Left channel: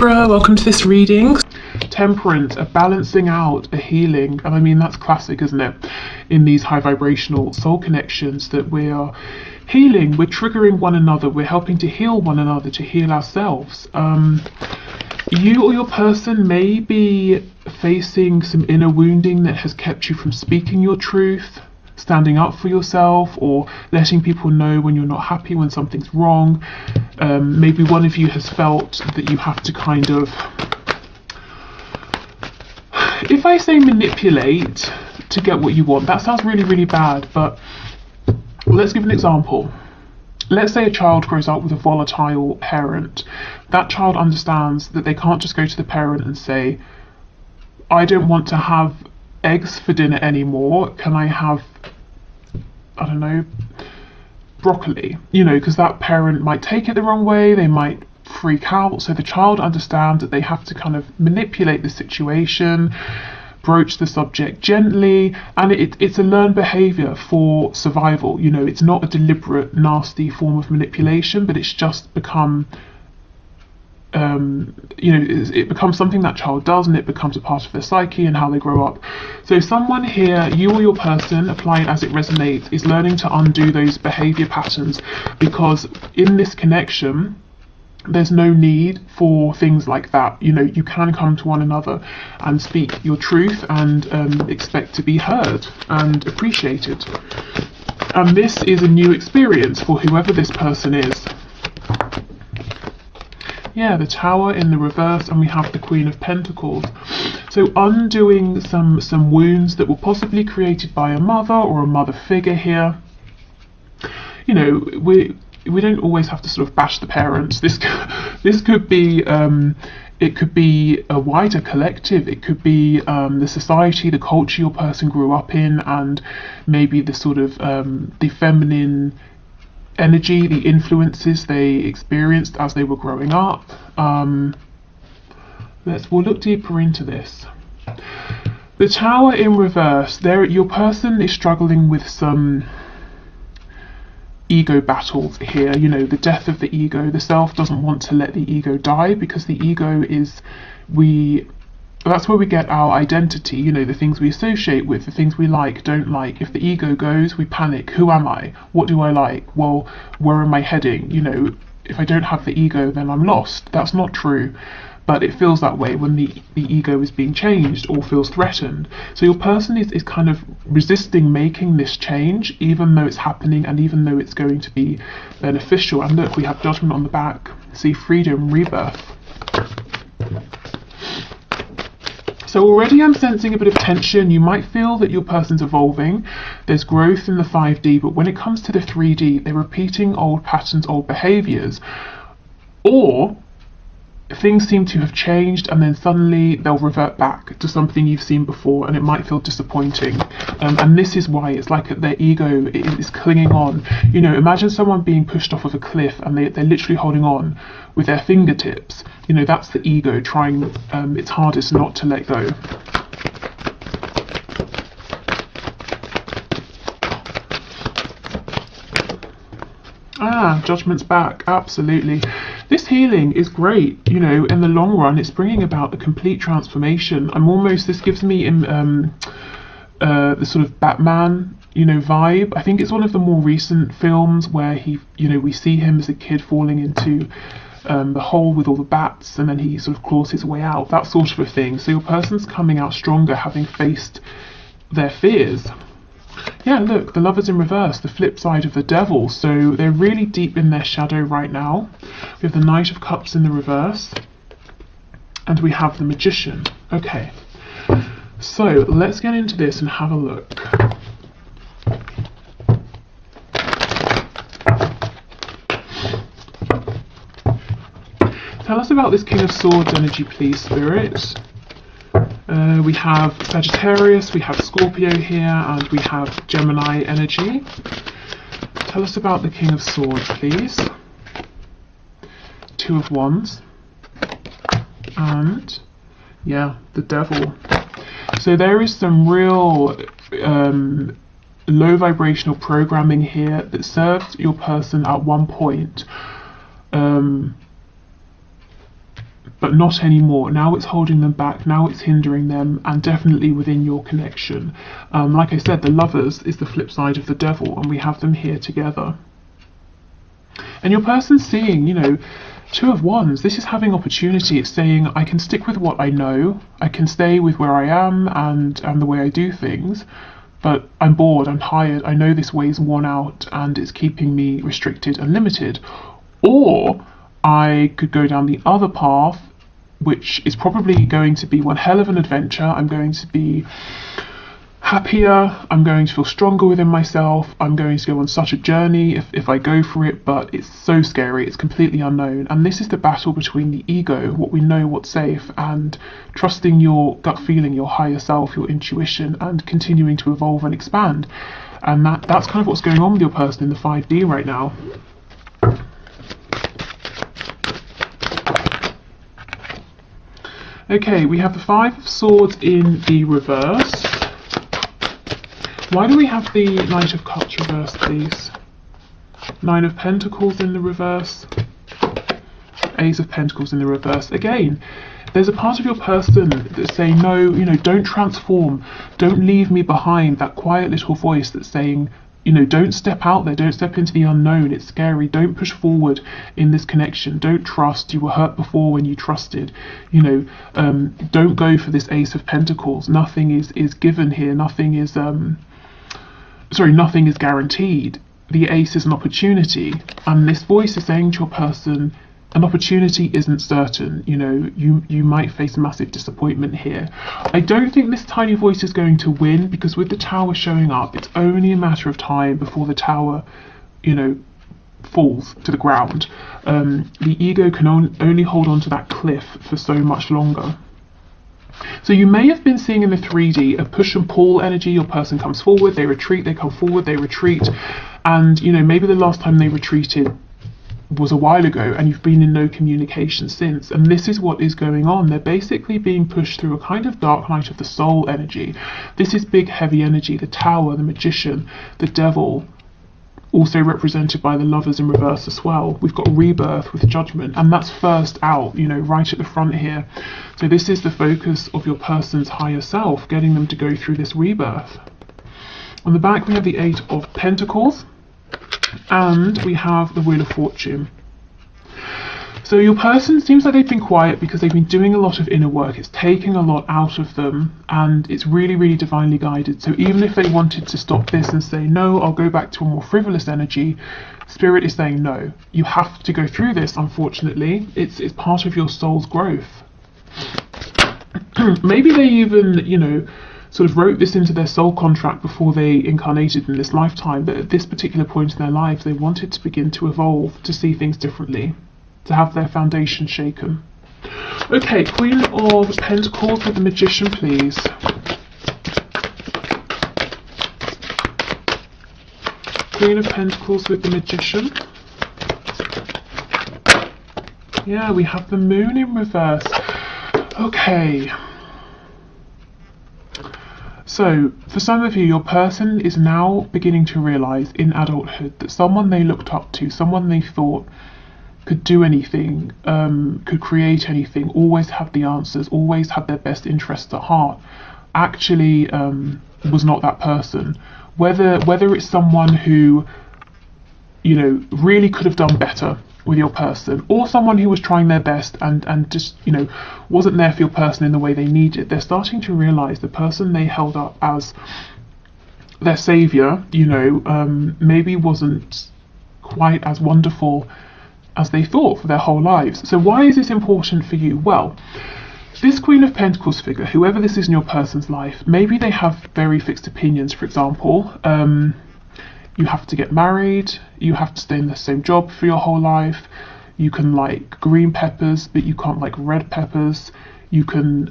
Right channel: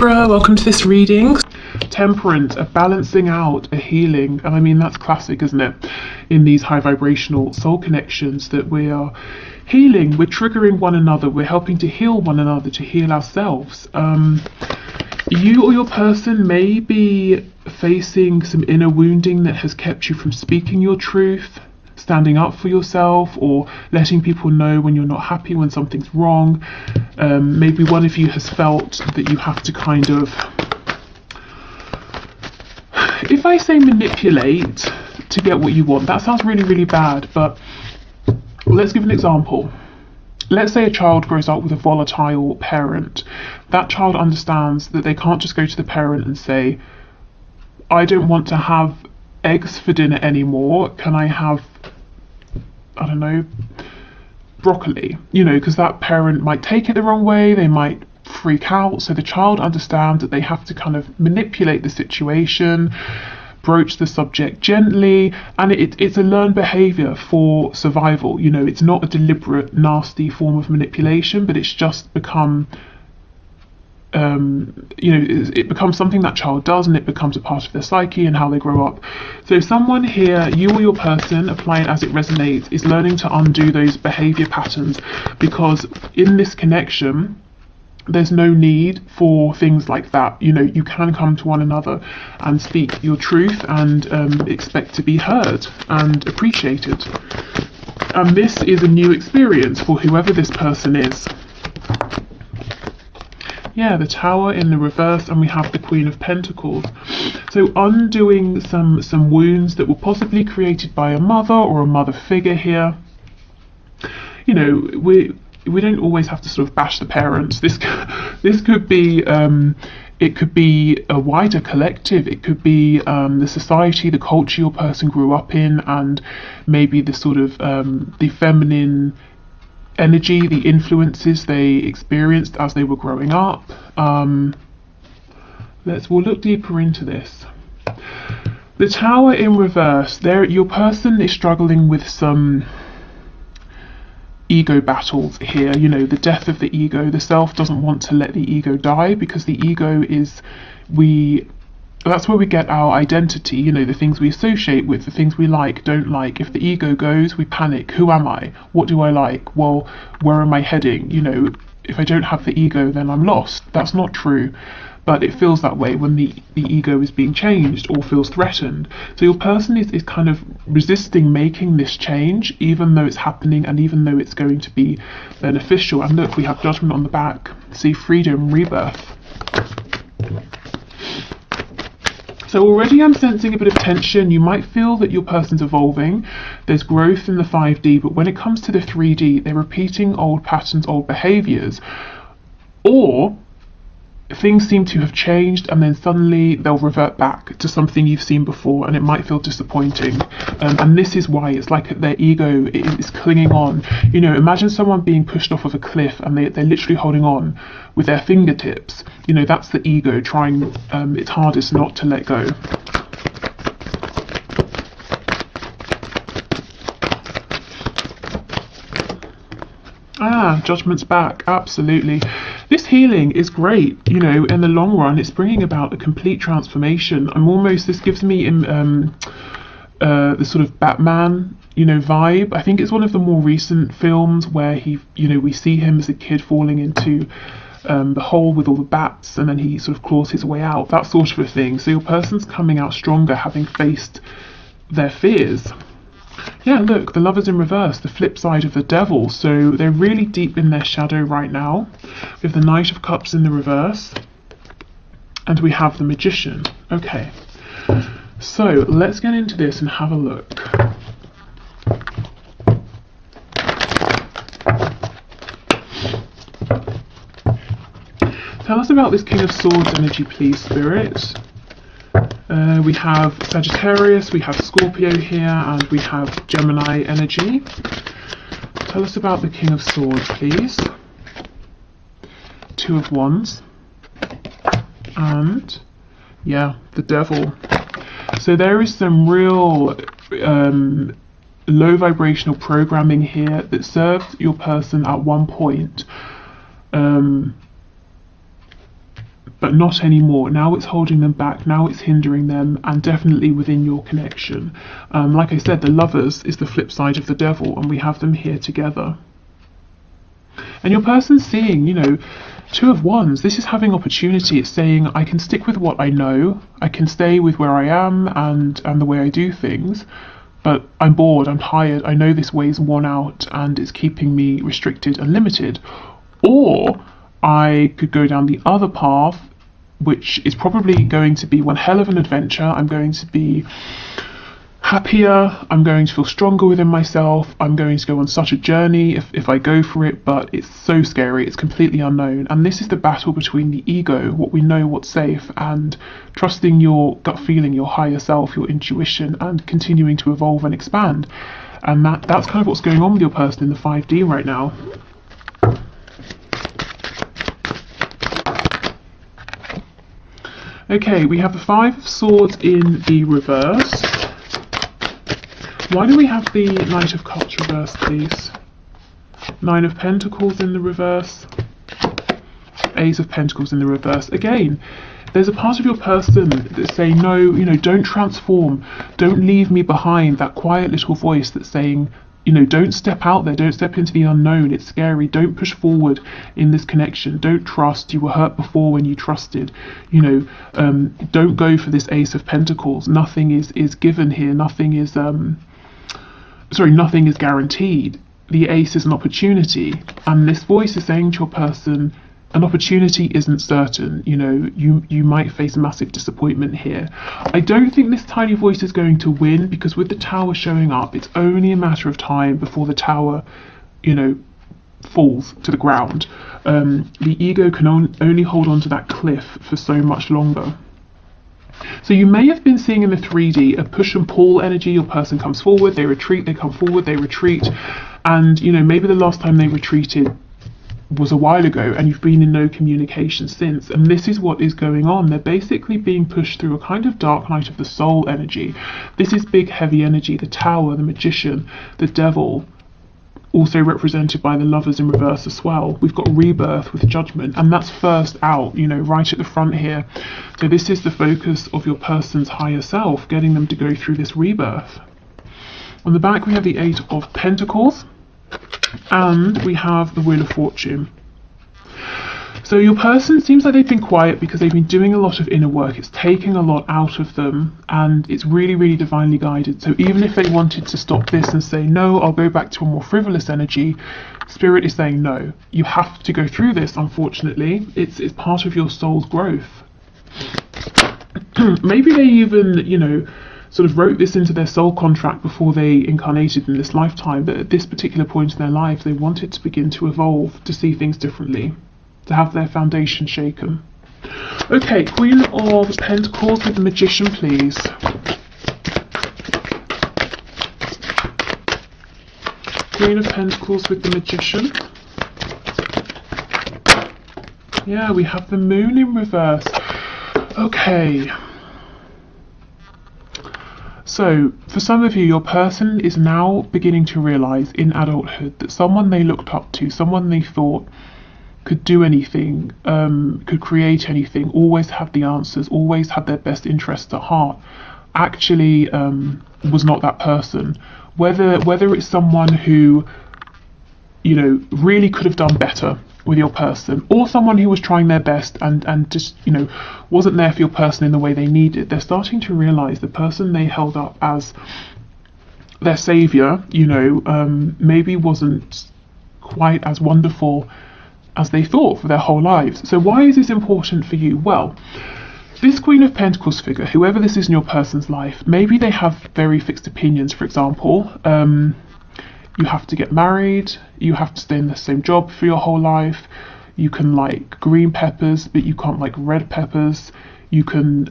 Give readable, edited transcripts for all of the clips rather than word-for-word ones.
Libra, welcome to this reading. Temperance, a balancing out, a healing, and I mean that's classic, isn't it? In these high vibrational soul connections that we are healing, we're triggering one another, we're helping to heal one another, to heal ourselves. You or your person may be facing some inner wounding that has kept you from speaking your truth, standing up for yourself, or letting people know when you're not happy, when something's wrong. Maybe one of you has felt that you have to kind of, if I say manipulate to get what you want, that sounds really, really bad, but let's give an example. Let's say a child grows up with a volatile parent. That child understands that they can't just go to the parent and say, I don't want to have eggs for dinner anymore, can I have, I don't know, broccoli? You know, because that parent might take it the wrong way, they might freak out. So the child understands that they have to kind of manipulate the situation, broach the subject gently, and it's a learned behavior for survival. You know, it's not a deliberate, nasty form of manipulation, but it's just become, it becomes something that child does, and it becomes a part of their psyche and how they grow up. So someone here, you or your person, apply it as it resonates, is learning to undo those behavior patterns, because in this connection, there's no need for things like that. You know, you can come to one another and speak your truth and expect to be heard and appreciated. And this is a new experience for whoever this person is. Yeah, the Tower in the reverse, and we have the Queen of Pentacles. So undoing some wounds that were possibly created by a mother or a mother figure here. You know, we don't always have to sort of bash the parents. This could be it could be a wider collective. It could be the society, the culture your person grew up in, and maybe the sort of the feminine energy, the influences they experienced as they were growing up. We'll look deeper into this. The Tower in reverse. There, your person is struggling with some ego battles here. You know, the death of the ego. The self doesn't want to let the ego die, because the ego is, that's where we get our identity, you know, the things we associate with, the things we like, don't like. If the ego goes, we panic. Who am I? What do I like? Well, where am I heading? You know, if I don't have the ego, then I'm lost. That's not true. But it feels that way when the ego is being changed or feels threatened. So your person is kind of resisting making this change, even though it's happening and even though it's going to be beneficial. And look, we have Judgment on the back. See, freedom, rebirth. So already I'm sensing a bit of tension. You might feel that your person's evolving. There's growth in the 5D, but when it comes to the 3D, they're repeating old patterns, old behaviors. Or things seem to have changed and then suddenly they'll revert back to something you've seen before, and it might feel disappointing. And this is why it's like their ego is clinging on. You know, imagine someone being pushed off of a cliff and they're literally holding on with their fingertips. You know, that's the ego trying its hardest not to let go. Judgment's back, absolutely. This healing is great, you know, in the long run. It's bringing about a complete transformation. This gives me the sort of Batman, you know, vibe. I think it's one of the more recent films where we see him as a kid falling into the hole with all the bats, and then he sort of claws his way out, that sort of a thing. So your person's coming out stronger, having faced their fears. Yeah, look, the Lover's in reverse, the flip side of the Devil. So they're really deep in their shadow right now. We have the Knight of Cups in the reverse, and we have the Magician. Okay, so let's get into this and have a look. Tell us about this King of Swords energy, please, Spirit. We have Sagittarius, we have Scorpio here, and we have Gemini energy. Tell us about the King of Swords, please. Two of Wands. And, yeah, the Devil. So there is some real low vibrational programming here that served your person at one point but not anymore. Now it's holding them back, now it's hindering them, and definitely within your connection. Like I said, the Lovers is the flip side of the Devil, and we have them here together. And your person's seeing, you know, Two of Wands. This is having opportunity. It's saying, I can stick with what I know, I can stay with where I am and the way I do things, but I'm bored, I'm tired, I know this way's worn out and it's keeping me restricted and limited. Or I could go down the other path, which is probably going to be one hell of an adventure. I'm going to be happier, I'm going to feel stronger within myself, I'm going to go on such a journey if I go for it, but it's so scary, it's completely unknown. And this is the battle between the ego, what we know, what's safe, and trusting your gut feeling, your higher self, your intuition, and continuing to evolve and expand. And that's kind of what's going on with your person in the 5D right now. Okay, we have the Five of Swords in the reverse. Why do we have the Knight of Cups reversed, please? Nine of Pentacles in the reverse. Ace of Pentacles in the reverse. Again, there's a part of your person that's saying, no, you know, don't transform. Don't leave me behind. That quiet little voice that's saying, you know, don't step out there. Don't step into the unknown. It's scary. Don't push forward in this connection. Don't trust. You were hurt before when you trusted. You know, don't go for this Ace of Pentacles. Nothing is given here. Nothing is... nothing is guaranteed. The Ace is an opportunity, and this voice is saying to your person, an opportunity isn't certain. You know, you might face massive disappointment here. I don't think this tiny voice is going to win, because with the Tower showing up, it's only a matter of time before the Tower, you know, falls to the ground. The ego can only hold on to that cliff for so much longer. So you may have been seeing in the 3D a push and pull energy. Your person comes forward, they retreat, they come forward, they retreat. And, you know, maybe the last time they retreated was a while ago and you've been in no communication since. And this is what is going on. They're basically being pushed through a kind of dark night of the soul energy. This is big, heavy energy. The Tower, the Magician, the Devil, also represented by the Lovers in reverse as well. We've got Rebirth with Judgment, and that's first out, you know, right at the front here. So this is the focus of your person's higher self, getting them to go through this rebirth. On the back we have the Eight of Pentacles, and we have the Wheel of Fortune. So your person seems like they've been quiet because they've been doing a lot of inner work. It's taking a lot out of them, and it's really, really divinely guided. So even if they wanted to stop this and say, no, I'll go back to a more frivolous energy, Spirit is saying, no, you have to go through this, unfortunately. It's part of your soul's growth. Maybe they even, you know, sort of wrote this into their soul contract before they incarnated in this lifetime, that at this particular point in their lives, they wanted to begin to evolve, to see things differently, to have their foundation shaken. Okay, Queen of Pentacles with the Magician, please. Queen of Pentacles with the Magician. Yeah, we have the Moon in reverse. Okay. So, for some of you, your person is now beginning to realise in adulthood that someone they looked up to, someone they thought could do anything, could create anything, always had the answers, always had their best interests at heart, actually was not that person. Whether it's someone who, you know, really could have done better with your person, or someone who was trying their best and just, you know, wasn't there for your person in the way they needed, they're starting to realise the person they held up as their saviour, you know, maybe wasn't quite as wonderful as they thought for their whole lives. So why is this important for you? Well, this Queen of Pentacles figure, whoever this is in your person's life, maybe they have very fixed opinions. For example, you have to get married, you have to stay in the same job for your whole life, you can like green peppers but you can't like red peppers, you can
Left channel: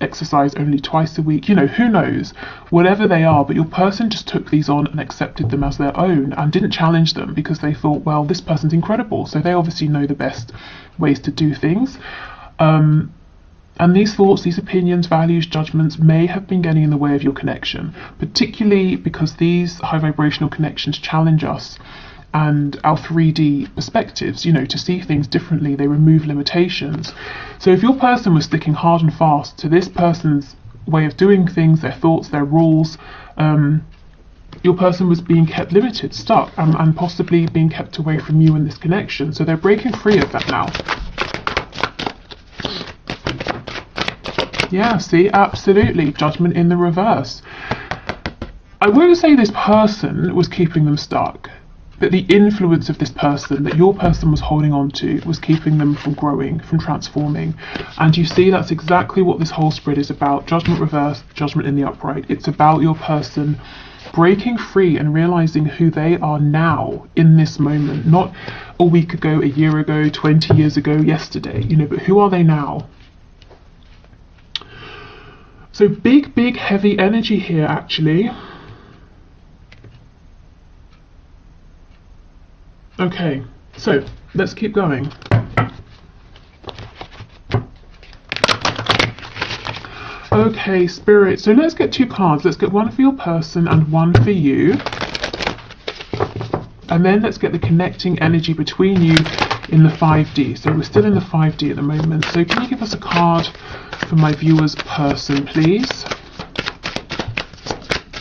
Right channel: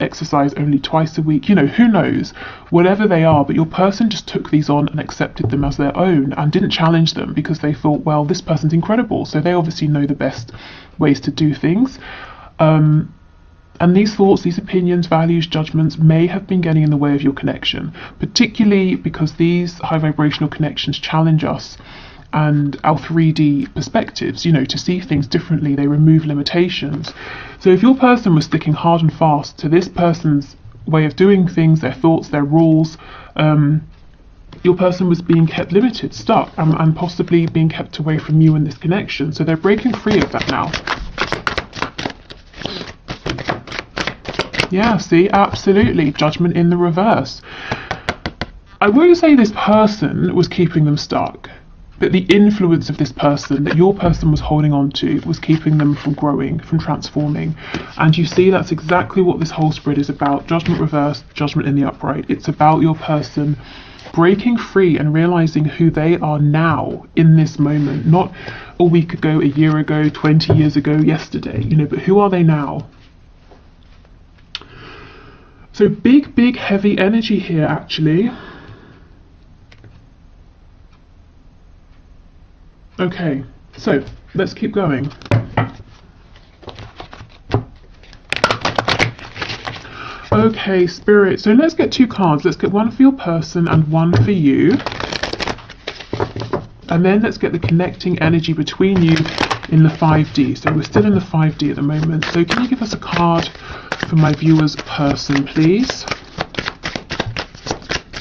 exercise only twice a week, you know, who knows, whatever they are, but your person just took these on and accepted them as their own and didn't challenge them because they thought, well, this person's incredible, so they obviously know the best ways to do things. And these thoughts, these opinions, values, judgments may have been getting in the way of your connection, particularly because these high vibrational connections challenge us and our 3D perspectives, you know, to see things differently. They remove limitations. So if your person was sticking hard and fast to this person's way of doing things, their thoughts, their rules, your person was being kept limited, stuck, and possibly being kept away from you in this connection. So they're breaking free of that now. Yeah, see, absolutely. Judgment in the reverse. I won't say this person was keeping them stuck, but the influence of this person that your person was holding on to was keeping them from growing, from transforming. And you see, that's exactly what this whole spread is about. Judgment reversed, judgment in the upright. It's about your person breaking free and realizing who they are now in this moment, not a week ago, a year ago, 20 years ago, yesterday, you know, but who are they now? So big, big, heavy energy here, actually. Okay, so let's keep going. Okay, Spirit, so let's get 2 cards. Let's get one for your person and one for you. And then let's get the connecting energy between you in the 5D. So we're still in the 5D at the moment. So can you give us a card for my viewer's person, please?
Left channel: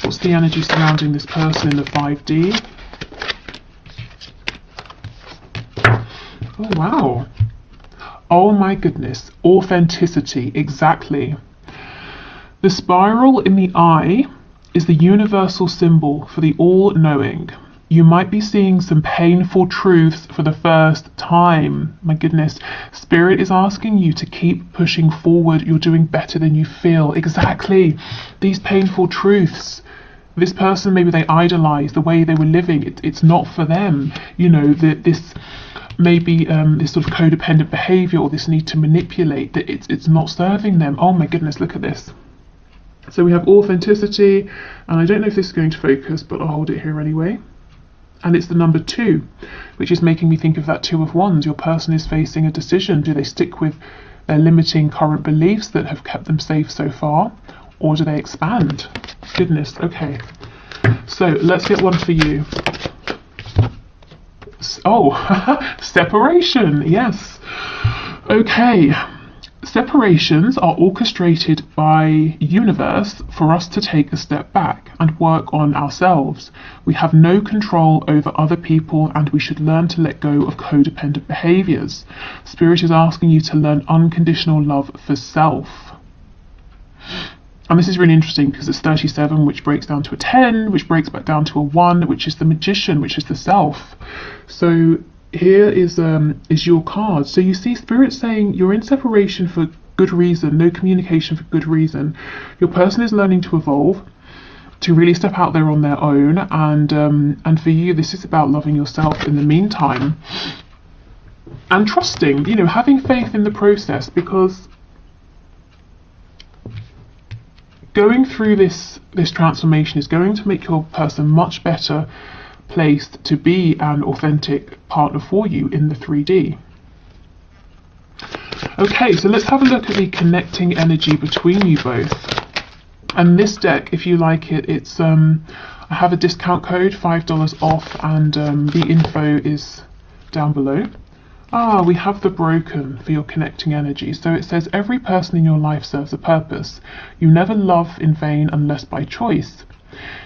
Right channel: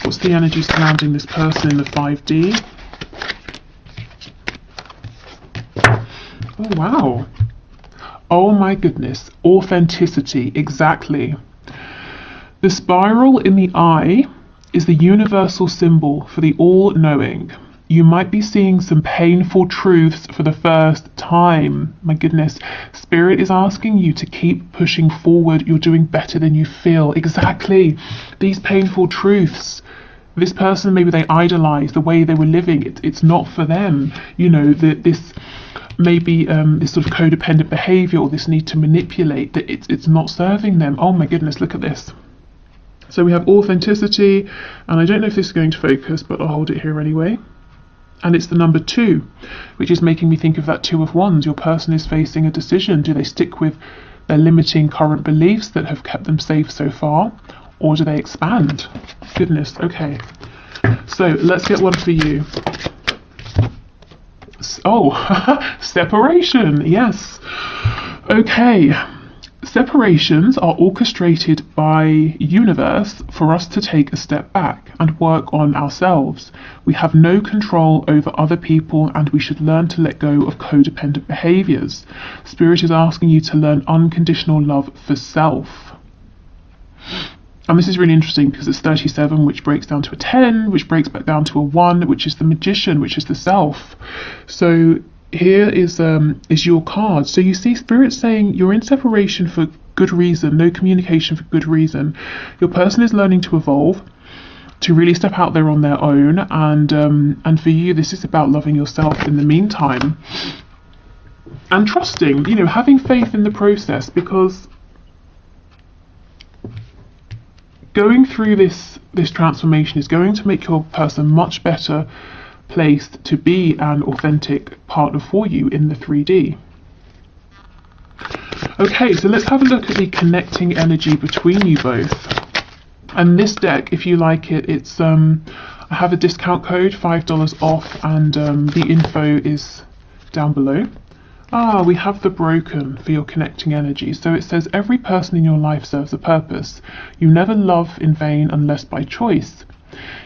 What's the energy surrounding this person in the 5D? Oh, wow. Oh my goodness. Authenticity. Exactly. The spiral in the eye is the universal symbol for the all-knowing. You might be seeing some painful truths for the first time. My goodness. Spirit is asking you to keep pushing forward. You're doing better than you feel. Exactly. These painful truths. This person, maybe they idolize the way they were living. It's not for them. You know, this maybe this sort of codependent behavior or this need to manipulate, that it's not serving them. Oh my goodness, look at this. So we have authenticity, and I don't know if this is going to focus, but I'll hold it here anyway. And it's the number 2, which is making me think of that 2 of Wands. Your person is facing a decision. Do they stick with their limiting current beliefs that have kept them safe so far, or do they expand? Goodness, okay. So let's get one for you. Oh, separation, yes. Okay. Separations are orchestrated by universe for us to take a step back and work on ourselves. We have no control over other people, and we should learn to let go of codependent behaviors. Spirit is asking you to learn unconditional love for self. And this is really interesting because it's 37, which breaks down to a 10, which breaks back down to a 1, which is the magician, which is the self. So here is your card. So you see Spirit saying you're in separation for good reason, no communication for good reason. Your person is learning to evolve, to really step out there on their own, and for you this is about loving yourself in the meantime. And trusting, you know, having faith in the process, because going through this transformation is going to make your person much better placed to be an authentic partner for you in the 3D. Okay, so let's have a look at the connecting energy between you both. And this deck, if you like it, it's I have a discount code, $5 off, and the info is down below. Ah, we have the broken for your connecting energy. So it says every person in your life serves a purpose. You never love in vain unless by choice.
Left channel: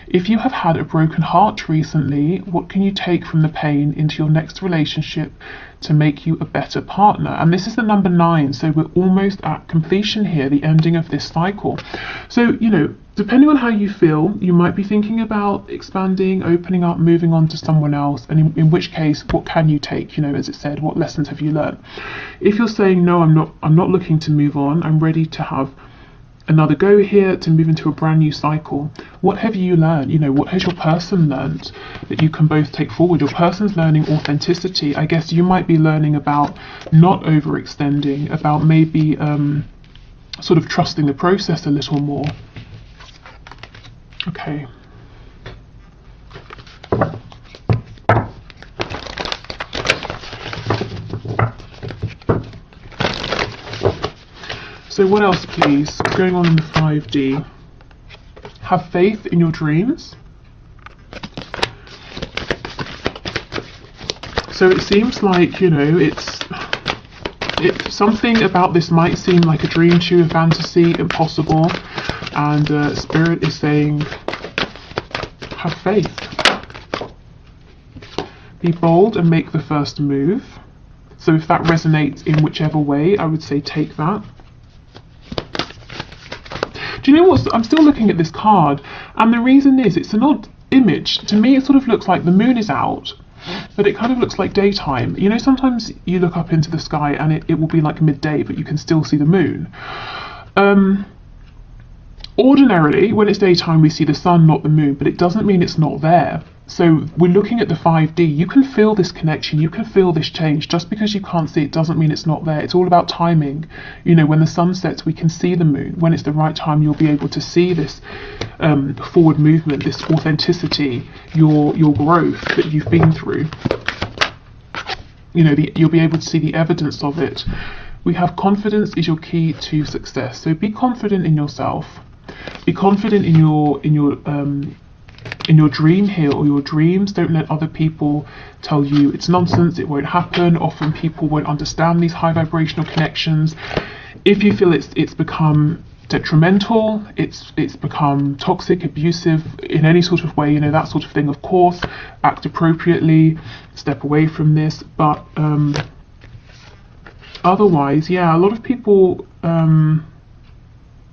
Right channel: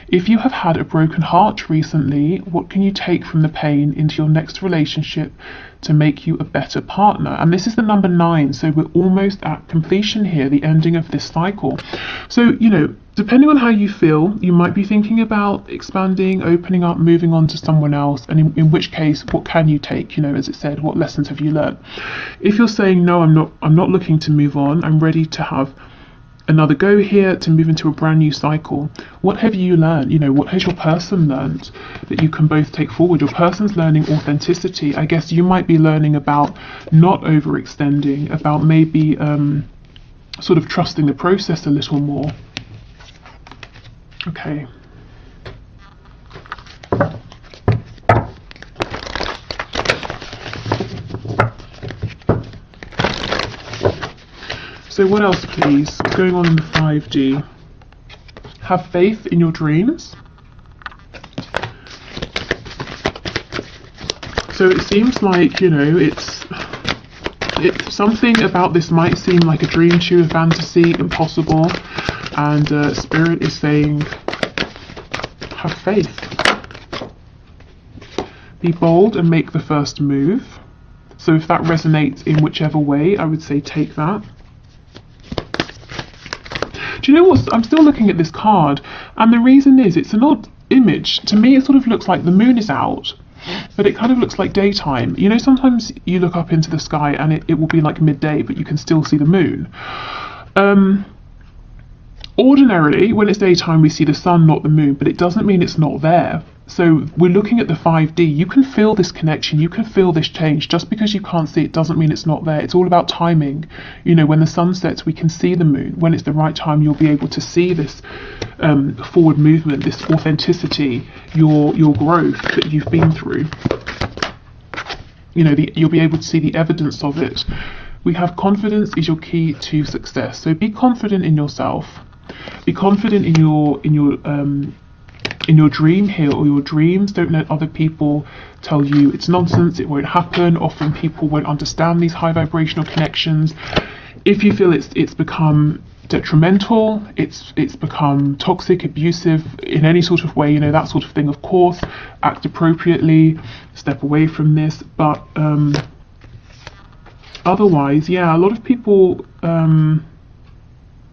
If you have had a broken heart recently, what can you take from the pain into your next relationship to make you a better partner? And this is the number 9, so we're almost at completion here, the ending of this cycle. So, you know, depending on how you feel, you might be thinking about expanding, opening up, moving on to someone else, and in which case, what can you take? You know, as it said, what lessons have you learned? If you're saying, no, I'm not looking to move on, I'm ready to have another go here, to move into a brand new cycle. What have you learned? You know, what has your person learned that you can both take forward? Your person's learning authenticity. I guess you might be learning about not overextending, about maybe sort of trusting the process a little more. Okay. So what else, please? What's going on in the 5D? Have faith in your dreams. So it seems like, you know, it's something about this might seem like a dream to you, a fantasy, impossible, and Spirit is saying, have faith. Be bold and make the first move. So if that resonates in whichever way, I would say take that. Do you know what? I'm still looking at this card, and the reason is it's an odd image. To me, it sort of looks like the moon is out, but it kind of looks like daytime. You know, sometimes you look up into the sky and it will be like midday, but you can still see the moon. Ordinarily, when it's daytime, we see the sun, not the moon, but it doesn't mean it's not there. So we're looking at the 5D. You can feel this connection, you can feel this change. Just because you can't see it doesn't mean it's not there. It's all about timing. You know, when the sun sets, we can see the moon. When it's the right time, you'll be able to see this forward movement, this authenticity, your growth that you've been through. You know, you'll be able to see the evidence of it. We have confidence is your key to success. So be confident in yourself. Be confident in your dream here, or your dreams. Don't let other people tell you it's nonsense, it won't happen. Often people won't understand these high vibrational connections. If you feel it's become detrimental, it's become toxic, abusive in any sort of way, you know, that sort of thing, of course, act appropriately, step away from this. But otherwise, yeah, a lot of people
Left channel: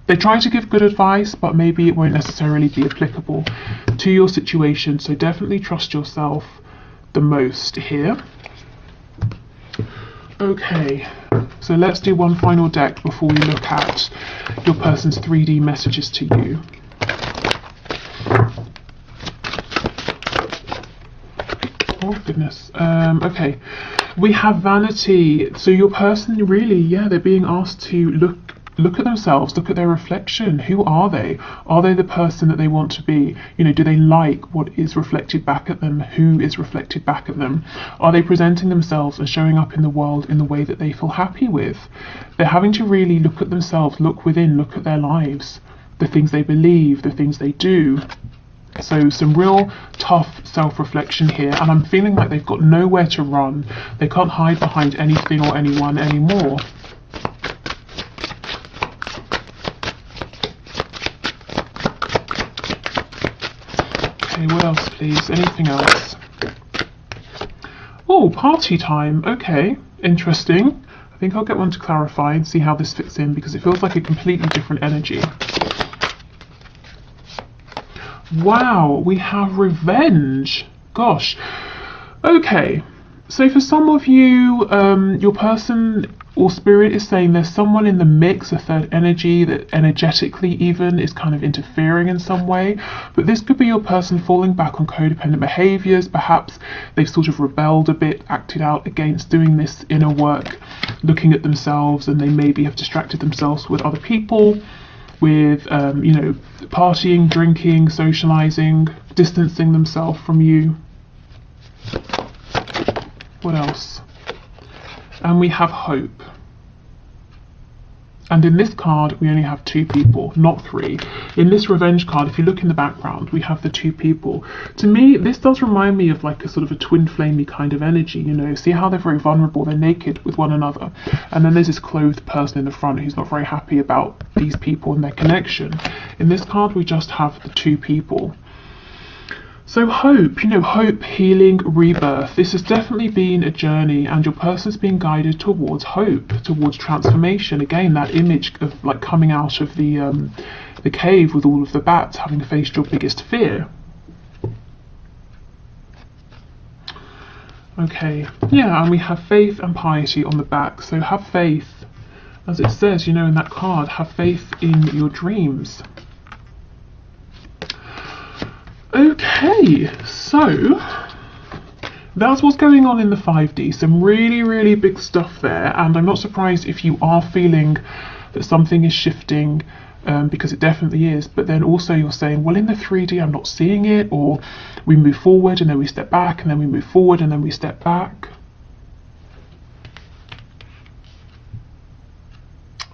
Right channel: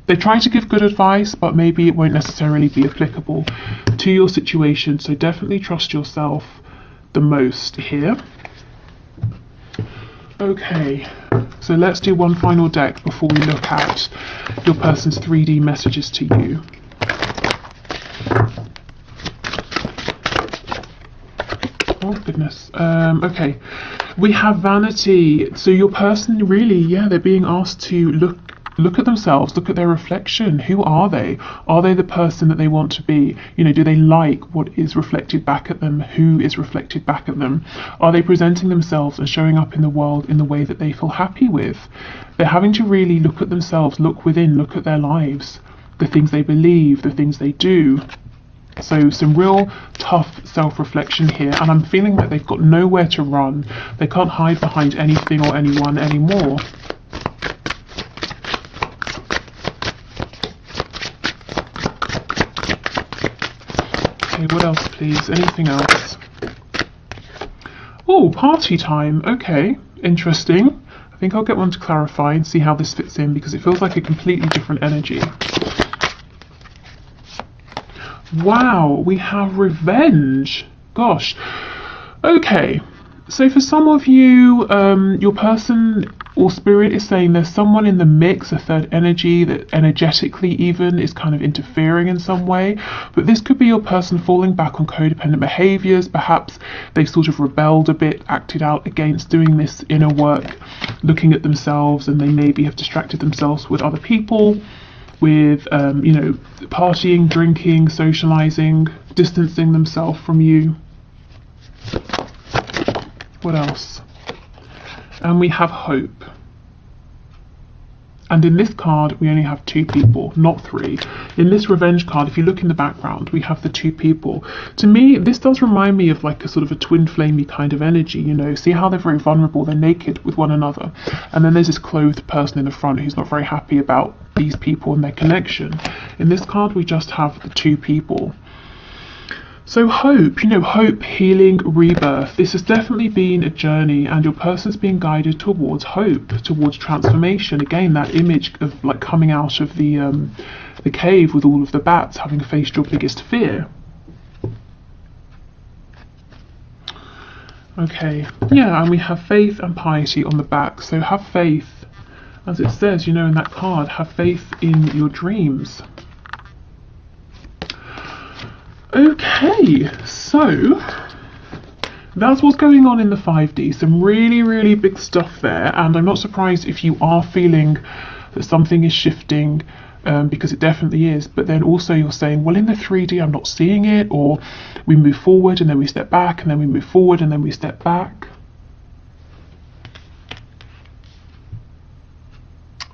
they try to give good advice, but maybe it won't necessarily be applicable to your situation. So definitely trust yourself the most here. Okay, so let's do one final deck before we look at your person's 3D messages to you. Oh goodness. Okay, we have vanity. So your person really, yeah, they're being asked to look at themselves, look at their reflection. Who are they? Are they the person that they want to be? You know, do they like what is reflected back at them? Who is reflected back at them? Are they presenting themselves and showing up in the world in the way that they feel happy with? They're having to really look at themselves, look within, look at their lives, the things they believe, the things they do. So some real tough self-reflection here, and I'm feeling like they've got nowhere to run. They can't hide behind anything or anyone anymore. What else, please? Anything else? Oh, party time. Okay, interesting. I think I'll get one to clarify and see how this fits in, because it feels like a completely different energy. Wow, we have revenge. Gosh. Okay, so for some of you, your person or spirit is saying there's someone in the mix, a third energy that energetically even is kind of interfering in some way. But this could be your person falling back on codependent behaviors. Perhaps they've sort of rebelled a bit, acted out against doing this inner work, looking at themselves, and they maybe have distracted themselves with other people, with you know, partying, drinking, socializing, distancing themselves from you. What else? And we have hope. And in this card, we only have 2 people, not 3. In this revenge card, if you look in the background, we have the 2 people. To me, this does remind me of like a sort of a twin flamey kind of energy, you know. See how they're very vulnerable, they're naked with one another. And then there's this clothed person in the front who's not very happy about these people and their connection. In this card, we just have the 2 people. So hope, you know, hope, healing, rebirth. This has definitely been a journey, and your person's being guided towards hope, towards transformation. Again, that image of like coming out of the cave with all of the bats, having faced your biggest fear. Okay, yeah, and we have faith and piety on the back. So have faith, as it says, you know, in that card, have faith in your dreams. Okay, so that's what's going on in the 5D. Some really, really big stuff there, and I'm not surprised if you are feeling that something is shifting, because it definitely is. But then also you're saying, well, in the 3D I'm not seeing it, or we move forward and then we step back, and then we move forward and then we step back.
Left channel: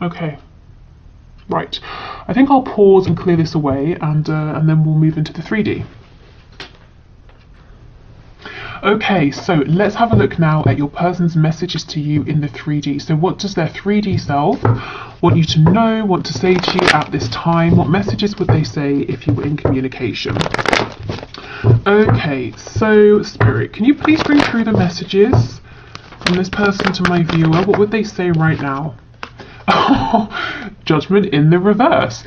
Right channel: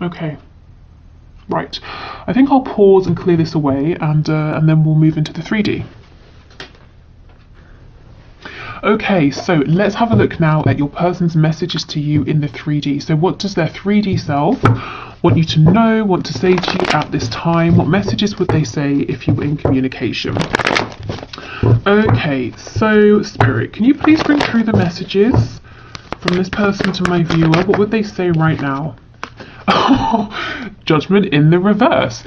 Okay. Right, I think I'll pause and clear this away, and then we'll move into the 3D. Okay, so let's have a look now at your person's messages to you in the 3D. So what does their 3D self want you to know, want to say to you at this time? What messages would they say if you were in communication? Okay, so Spirit, can you please bring through the messages from this person to my viewer? What would they say right now? Oh, Judgment in the reverse.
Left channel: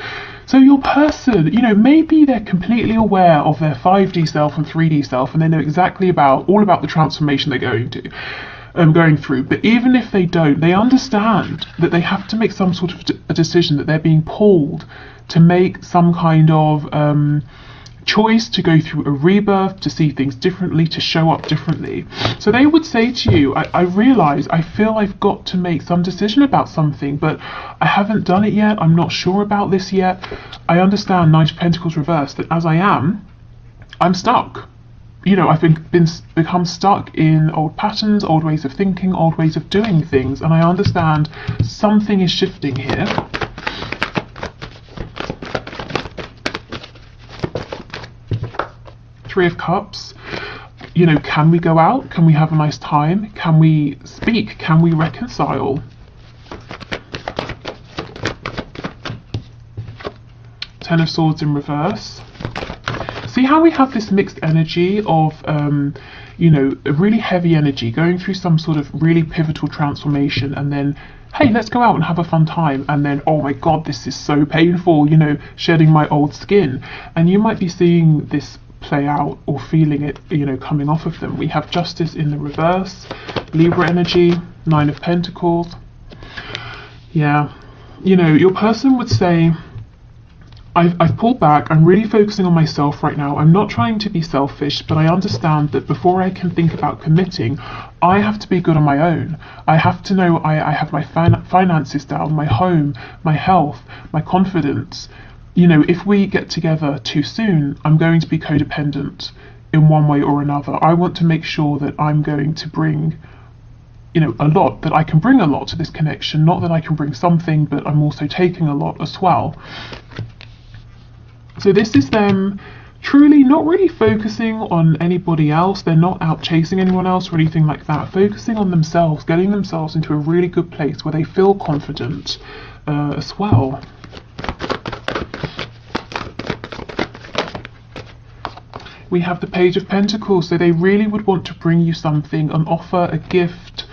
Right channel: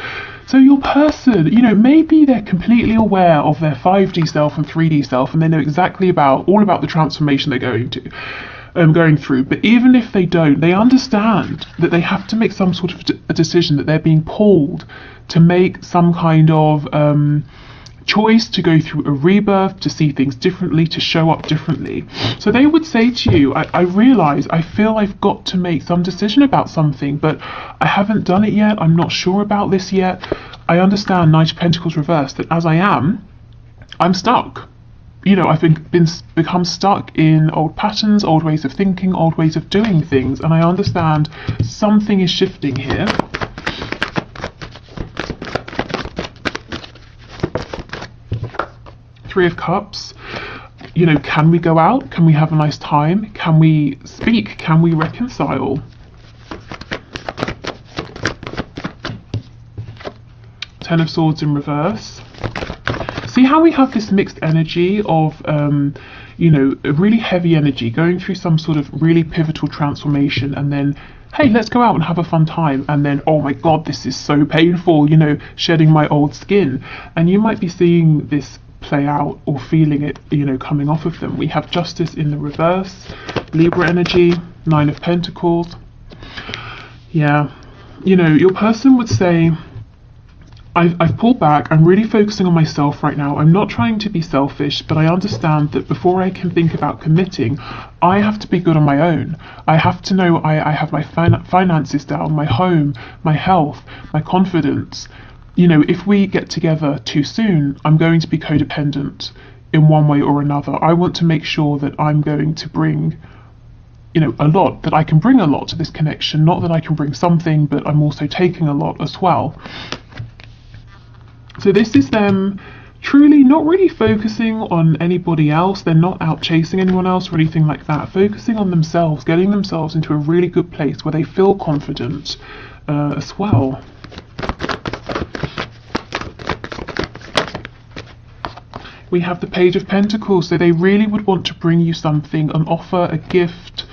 So your person, you know, maybe they're completely aware of their 5D self and 3D self, and they know exactly all about the transformation they're going through. But even if they don't, they understand that they have to make some sort of a decision, that they're being pulled to make some kind of choice, to go through a rebirth, to see things differently, to show up differently. So they would say to you, I realise, I feel I've got to make some decision about something, but I haven't done it yet. I'm not sure about this yet. I understand, Knight of Pentacles reversed, that as I'm stuck. You know, I've become stuck in old patterns, old ways of thinking, old ways of doing things, and I understand something is shifting here. Three of Cups. You know, can we go out? Can we have a nice time? Can we speak? Can we reconcile? Ten of Swords in reverse. See how we have this mixed energy of, you know, a really heavy energy going through some sort of really pivotal transformation, and then, hey, let's go out and have a fun time, and then, oh my god, this is so painful, you know, shedding my old skin. And you might be seeing this play out or feeling it, you know, coming off of them. We have Justice in the reverse, Libra energy, Nine of Pentacles. Yeah, you know, your person would say, I've pulled back, I'm really focusing on myself right now. I'm not trying to be selfish, but I understand that before I can think about committing, I have to be good on my own. I have to know I have my finances down, my home, my health, my confidence. You know, if we get together too soon, I'm going to be codependent in one way or another. I want to make sure that I'm going to bring, you know, a lot, that I can bring a lot to this connection, not that I can bring something, but I'm also taking a lot as well. So this is them truly not really focusing on anybody else. They're not out chasing anyone else or anything like that. Focusing on themselves, getting themselves into a really good place where they feel confident as well. We have the Page of Pentacles, so they really would want to bring you something, an offer, a gift.